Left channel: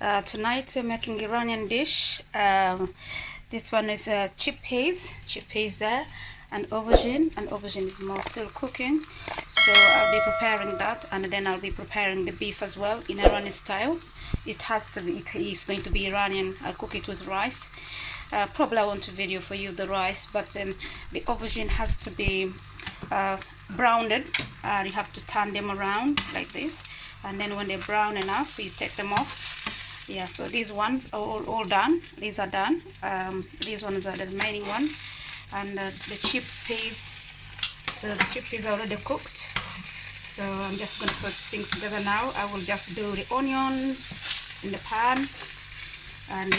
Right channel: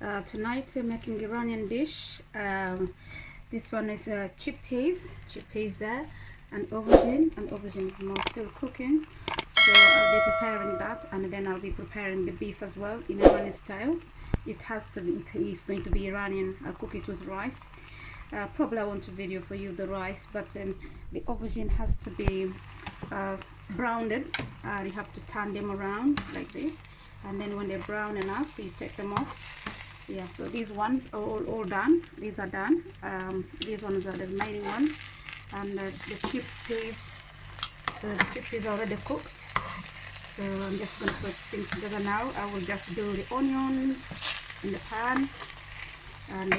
Tonight we're making Iranian dish. This one is chickpeas there, and aubergine is more still cooking. So I'll be preparing that, and then I'll be preparing the beef as well in Iranian style. It has to be, it is going to be Iranian. I'll cook it with rice. Probably I want to video for you the rice, but the aubergine has to be browned. You have to turn them around like this, and then when they're brown enough, you take them off. Yeah, so these ones are all done. These are done. These ones are the remaining ones, and the chickpeas. So the chickpeas are already cooked. So I'm just going to put things together now. I will just do the onions in the pan, and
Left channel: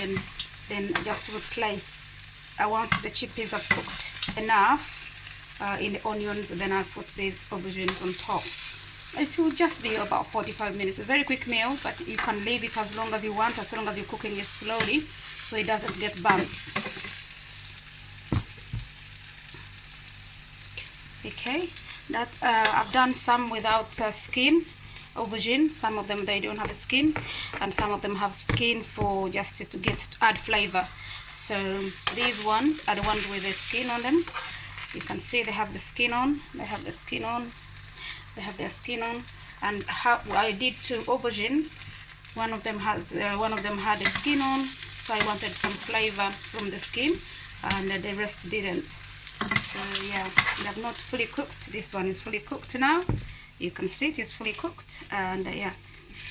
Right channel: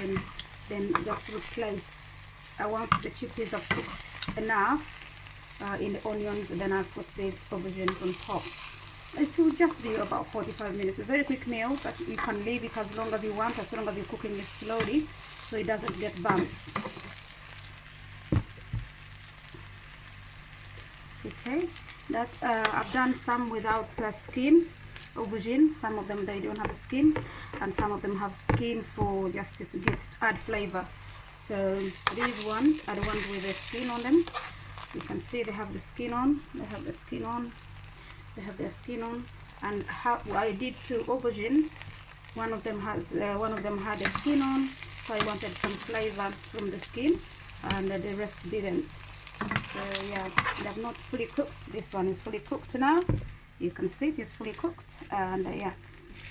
then just replace. Once the chickpeas are cooked enough in the onions, then I'll put these aubergines on top. It will just be about 45 minutes. It's a very quick meal, but you can leave it as long as you want, as long as you're cooking it slowly, so it doesn't get burnt. Okay, that I've done some without skin aubergine. Some of them they don't have a skin, and some of them have skin for just to add flavor. So these ones are the ones with the skin on them. You can see they have the skin on. They have the skin on. They have their skin on. And how I did two aubergine. One of them had a skin on, so I wanted some flavor from the skin, and the rest didn't. So yeah, they have not fully cooked. This one is fully cooked now. You can see it is fully cooked, and yeah,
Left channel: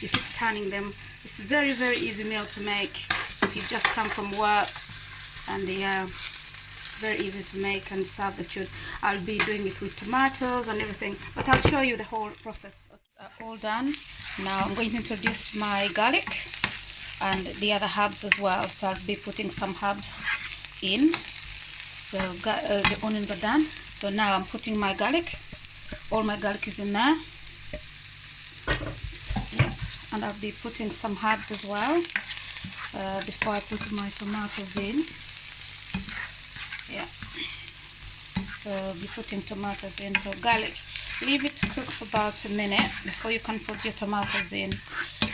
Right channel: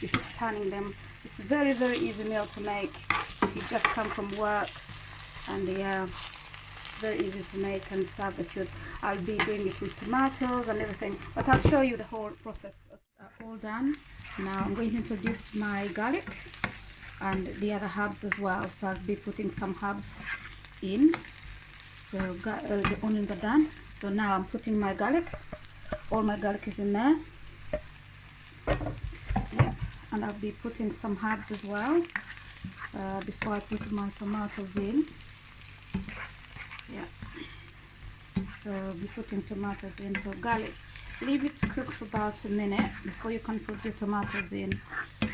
you keep turning them. It's a very, very easy meal to make if you just come from work, and yeah, very easy to make and serve the food. I'll be doing it with tomatoes and everything, but I'll show you the whole process. All done. Now I'm going to introduce my garlic and the other herbs as well. So I'll be putting some herbs in. So the onions are done. So now I'm putting my garlic. All my garlic is in there. Yep. And I'll be putting some herbs as well before I put my tomatoes in. Yeah, so be putting tomatoes in. So garlic, leave it to cook for about a minute before you can put your tomatoes in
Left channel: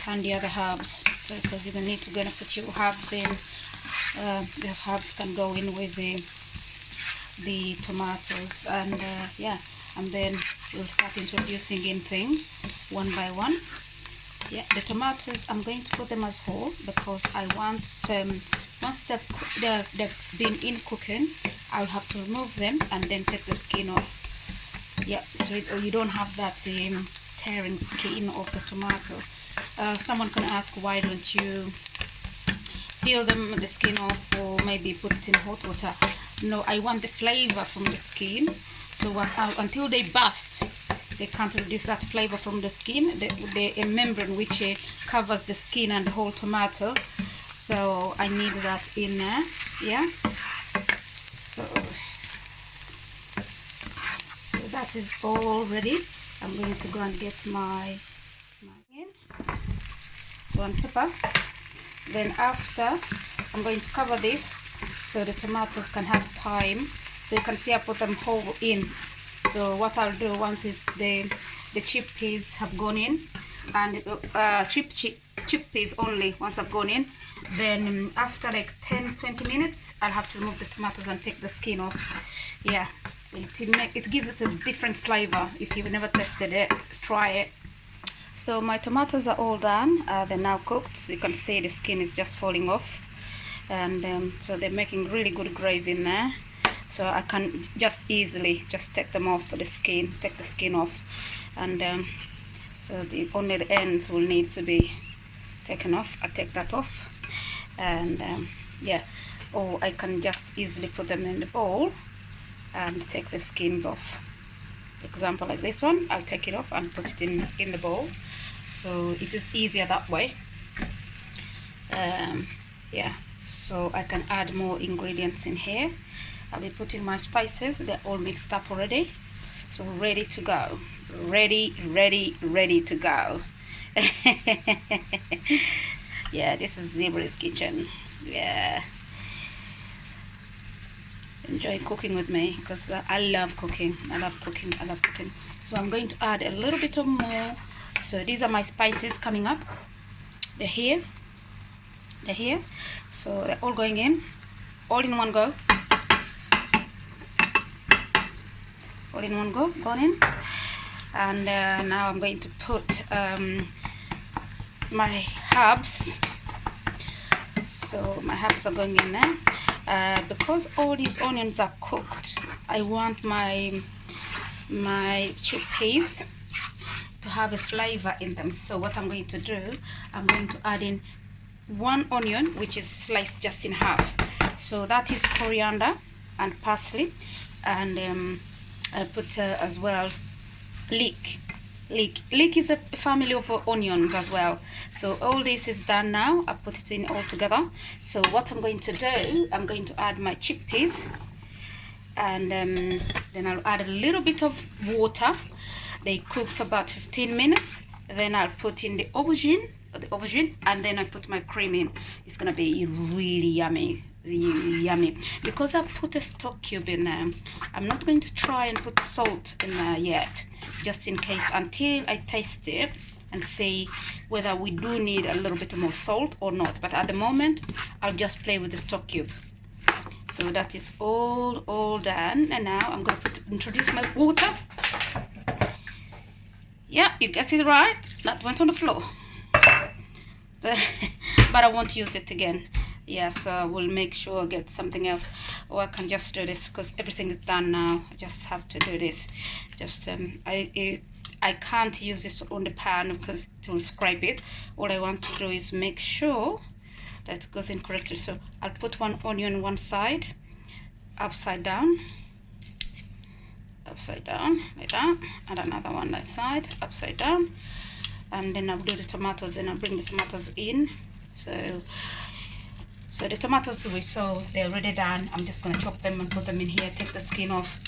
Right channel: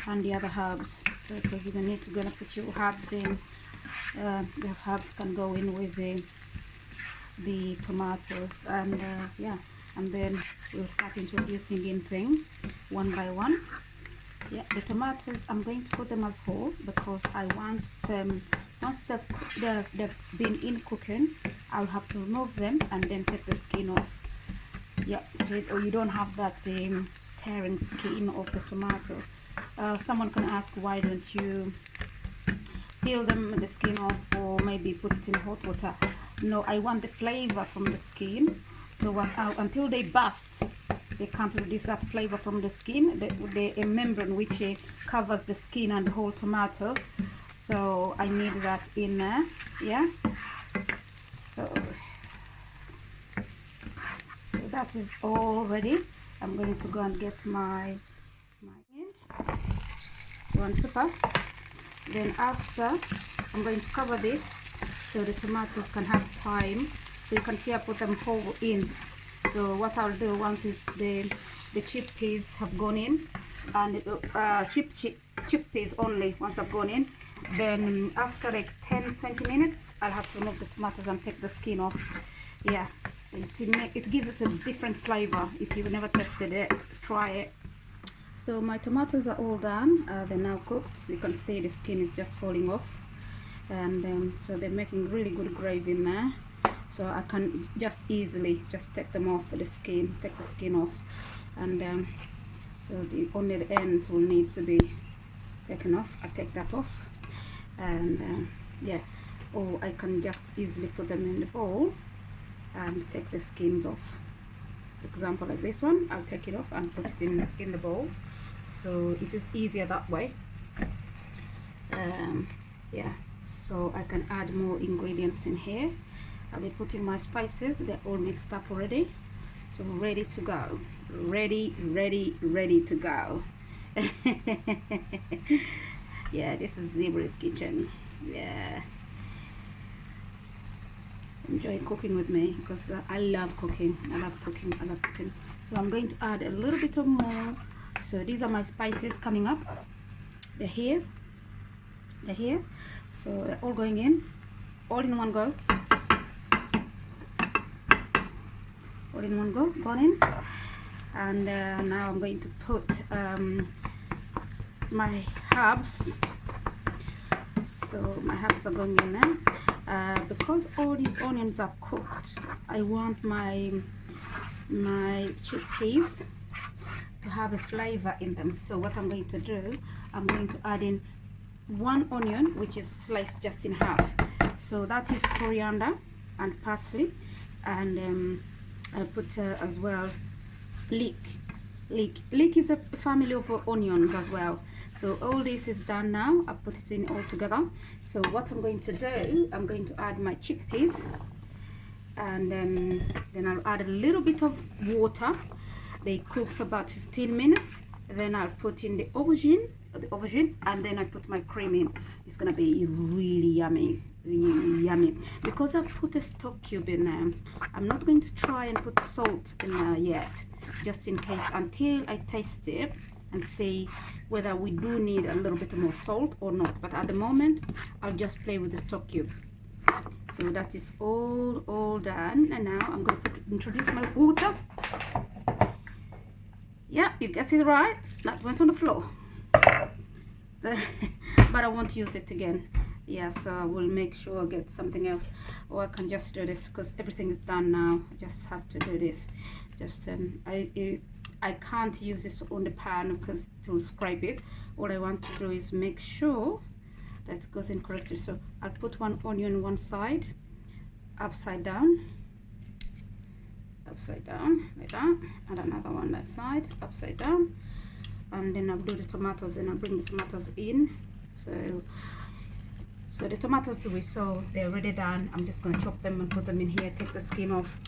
and the other herbs, because you're gonna need to put your herbs in. The herbs can go in with the tomatoes, and yeah, and then we'll start introducing in things one by one. Yeah, the tomatoes I'm going to put them as whole, because I want once they've been in cooking, I'll have to remove them and then take the skin off. Yeah, so you don't have that tearing skin of the tomato. Someone can ask, why don't you peel the skin off, or maybe put it in hot water? No, I want the flavor from the skin. So until they burst, they can't reduce that flavor from the skin. The membrane which covers the skin and the whole tomato. So I need that in there. Yeah. So that is all ready. I'm going to go and get my in. So on pepper. Then after, I'm going to cover this so the tomatoes can have time. So you can see I put them whole in. So what I'll do, once the chickpeas have gone in, and chickpeas only once I've gone in, then after like 10-20 minutes I'll have to remove the tomatoes and take the skin off. Yeah, it gives us a different flavor. If you've never tested it, try it. So my tomatoes are all done. They're now cooked. So you can see the skin is just falling off, and so they're making really good gravy in there. So I can just easily just take them off the skin, take the skin off, and so only the ends will need to be taken off. I take that off, and yeah, or I can just easily put them in the bowl and take the skins off. Example like this one, I'll take it off and put it in the bowl. So it is easier that way. Yeah, so I can add more ingredients in here. I'll be putting my spices. They're all mixed up already, so ready to go. Ready to go. Yeah, this is ZEEBRI's kitchen. Yeah, enjoy cooking with me, because I love cooking. I love cooking. So I'm going to add a little bit of more. So these are my spices coming up. They're here. They're here, so they're all going in, all in one go. All in one go, gone in. And now I'm going to put my herbs. So my herbs are going in there. Because all these onions are cooked, I want my chickpeas to have a flavor in them. So what I'm going to do, I'm going to add in 1 onion, which is sliced just in half. So that is coriander and parsley, and I put as well leek. Leek is a family of onions as well. So all this is done now. I put it in all together. So what I'm going to do, I'm going to add my chickpeas, and then I'll add a little bit of water. They cook for about 15 minutes. Then I'll put in the aubergine, and then I put my cream in. It's gonna be really yummy. Because I put a stock cube in there, I'm not going to try and put salt in there yet, just in case, until I taste it and see whether we do need a little bit more salt or not. But at the moment, I'll just play with the stock cube. So that is all done, and now I'm going to introduce my water. Yeah, you guessed it right. That went on the floor. But I won't use it again. Yeah, so I will make sure I get something else, or I can just do this because everything is done now. I just have to do this. Just I can't use this on the pan because it will scrape it. All I want to do is make sure that it goes in correctly. So I'll put 1 onion one side, upside down like that, and another one that side, upside down, and then I'll do the tomatoes, and I'll bring the tomatoes in. So the tomatoes we saw, they're already done. I'm just going to chop them and put them in here, take the skin off.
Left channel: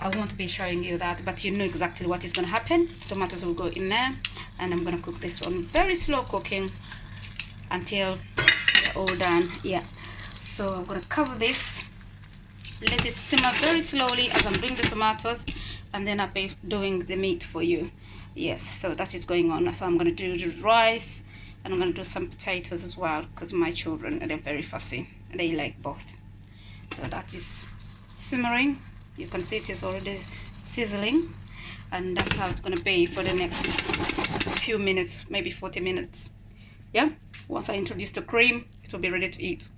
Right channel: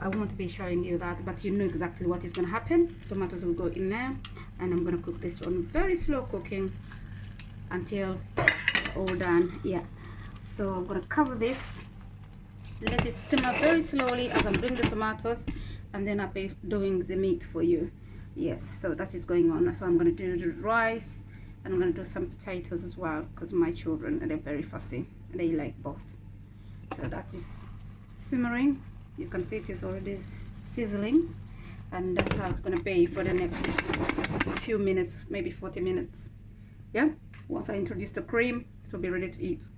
I won't be showing you that, but you know exactly what is going to happen. Tomatoes will go in there, and I'm going to cook this on very slow cooking until they're all done. Yeah, so I'm going to cover this, let it simmer very slowly as I'm doing the tomatoes, and then I'll be doing the meat for you. Yes, so that is going on. So I'm going to do the rice, and I'm going to do some potatoes as well, because my children, they're very fussy, they like both. So that is simmering. You can see it is already sizzling, and that's how it's going to be for the next few minutes, maybe 40 minutes. Yeah, once I introduce the cream, it will be ready to eat.